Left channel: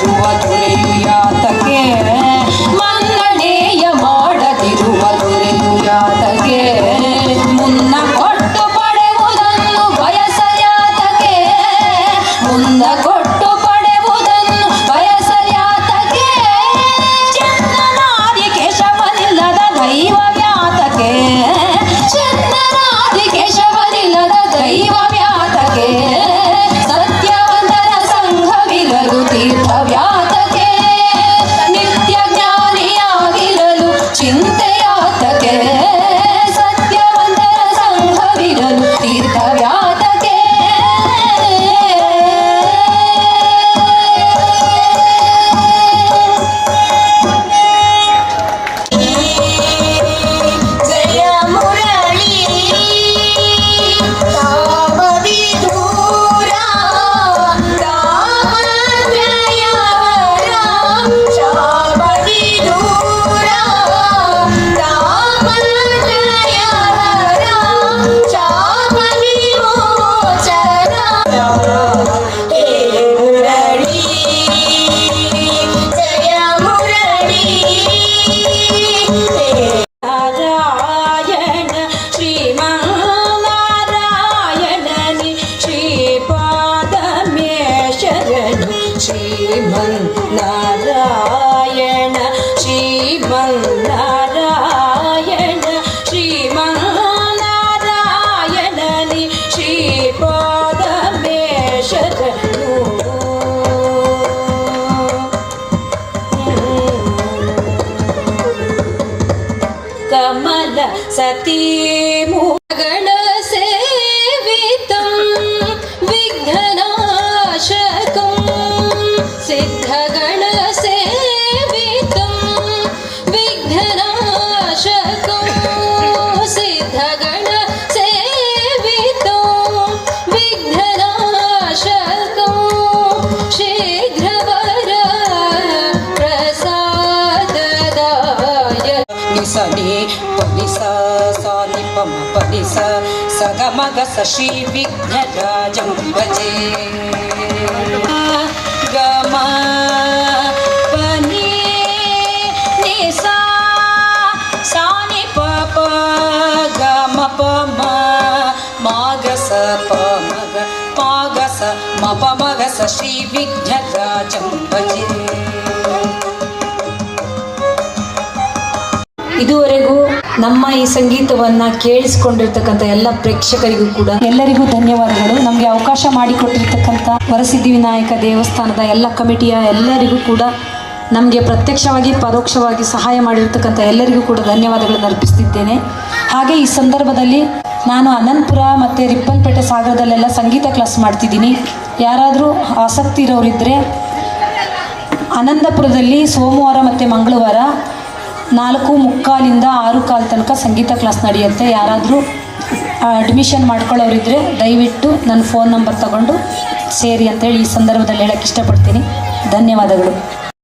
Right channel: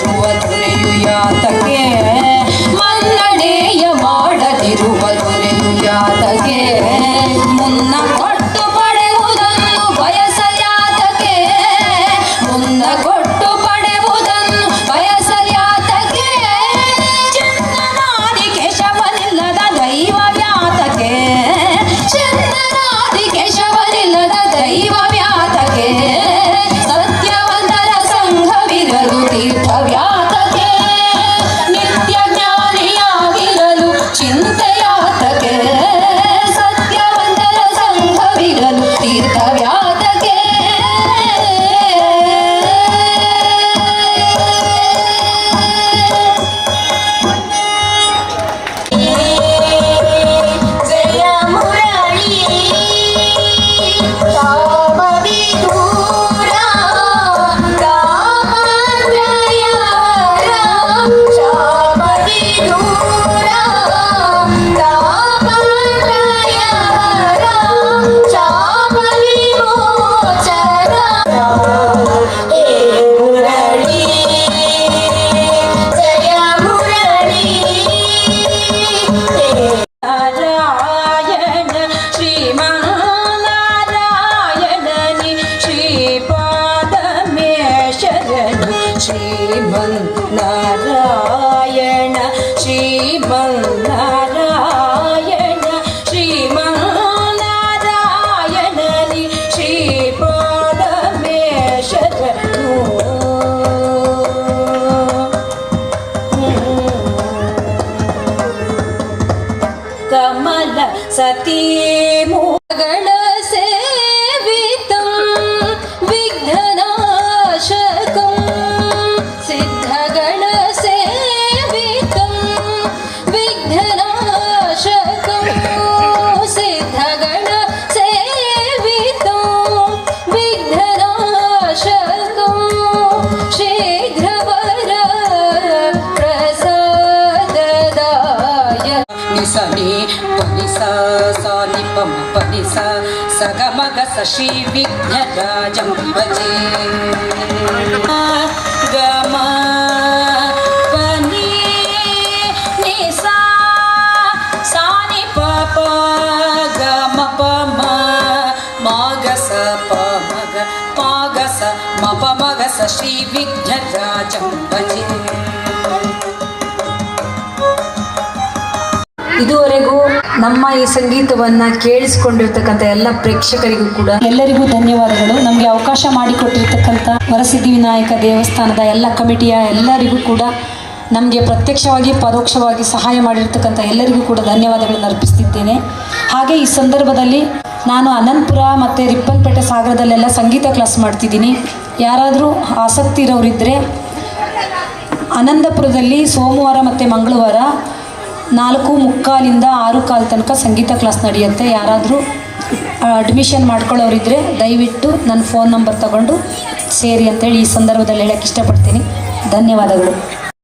Juva Jure Yuyar Sunny, ಸಗಮಗ ಸಶಿ ವಿಘ್ನರಾಜಂ ಭಜೆ ಗಮ ಪನಿ ನಿಸ ಸಾನಿ ಪಪ ಗಮ ಪಮ ಮಾಗಸ ಪಮಗ ಪಾಗಸ ಮಪ ಮಗಸ ಶ್ರೀ ವಿಘ್ನರಾಜಂ ಭಜೆ ಇದುವರೆಗೂ ನಮ್ಮ ಈ ಸಂಗೀತವನ್ನ ಕೇಳಿಸಿಕೊಂಡಿರ್ತಕ್ಕಂಥ ಎಲ್ಲ ಪ್ರೇಕ್ಷಕರಿಗೂ ಕೂಡ ಎಲ್ಲರಿಗೂ ಧನ್ಯವಾದಗಳು. ನಮಗೆ ಅವಕಾಶ ಮಾಡಿಕೊಟ್ಟಿರ್ತಕ್ಕಂಥ ವರಸಿದ್ಧಿ ವಿನಾಯಕ ದೇವಸ್ಥಾನದ ಎಲ್ಲ ಕಮಿಟಿಯ ಎಲ್ಲರಿಗೂ ಕೂಡ ನಮಗೆ ಪ್ರತ್ಯಕ್ಷವಾಗಿ, ಪರೋಕ್ಷವಾಗಿ ಸಹಾಯ ಮಾಡಿರ್ತಕ್ಕಂಥ ಎಲ್ಲರಿಗೂ ಕೂಡ ಧನ್ಯವಾದಗಳನ್ನು ಅರ್ಪಿಸ್ತಿದ್ದೇನೆ. ಹಾಗೆ ಈ ಸಂದರ್ಭದಲ್ಲಿ ನಾನು ಅನಂತಪುರ ಮತ್ತು ರಿಪ್ಪನ್ಪೇಟೆ ಸಾಗರದಲ್ಲೆಲ್ಲ ಸಂಗೀತ ಕ್ಲಾಸ್ ಮಾಡ್ತಿದ್ದೀನಿ. ಯಾರಾದರೂ ಆಸಕ್ತಿ ಇರೋರಿದ್ದರೆ ಅನಂತಪುರದಲ್ಲಿ ಸೋಮವಾರ ಮತ್ತು ಮಂಗಳವಾರ ನಾಲ್ಕು ಮುಕ್ಕಾಲಿಂದ ಆರು ಕಾಲು ತನಕ ಸಂಗೀತ ಕ್ಲಾಸ್ ನಡೆಯುತ್ತೆ. ಯಾರಾದರೂ ಅಡ್ಮಿಷನ್ ಮಾಡ್ಕೊಳ್ಳೋರಿದ್ದರೆ ದಯವಿಟ್ಟು ನನ್ನ ಫೋನ್ ನಂಬರ್ ತಗೊಂಡು ಸೇರಿ ಅಂತೇಳಿ ಈ ಸಂದರ್ಭದಲ್ಲಿ ಹೇಳಕ್ಕೆ ಇಷ್ಟಪಡ್ತೀನಿ. ಧನ್ಯವಾದಗಳು.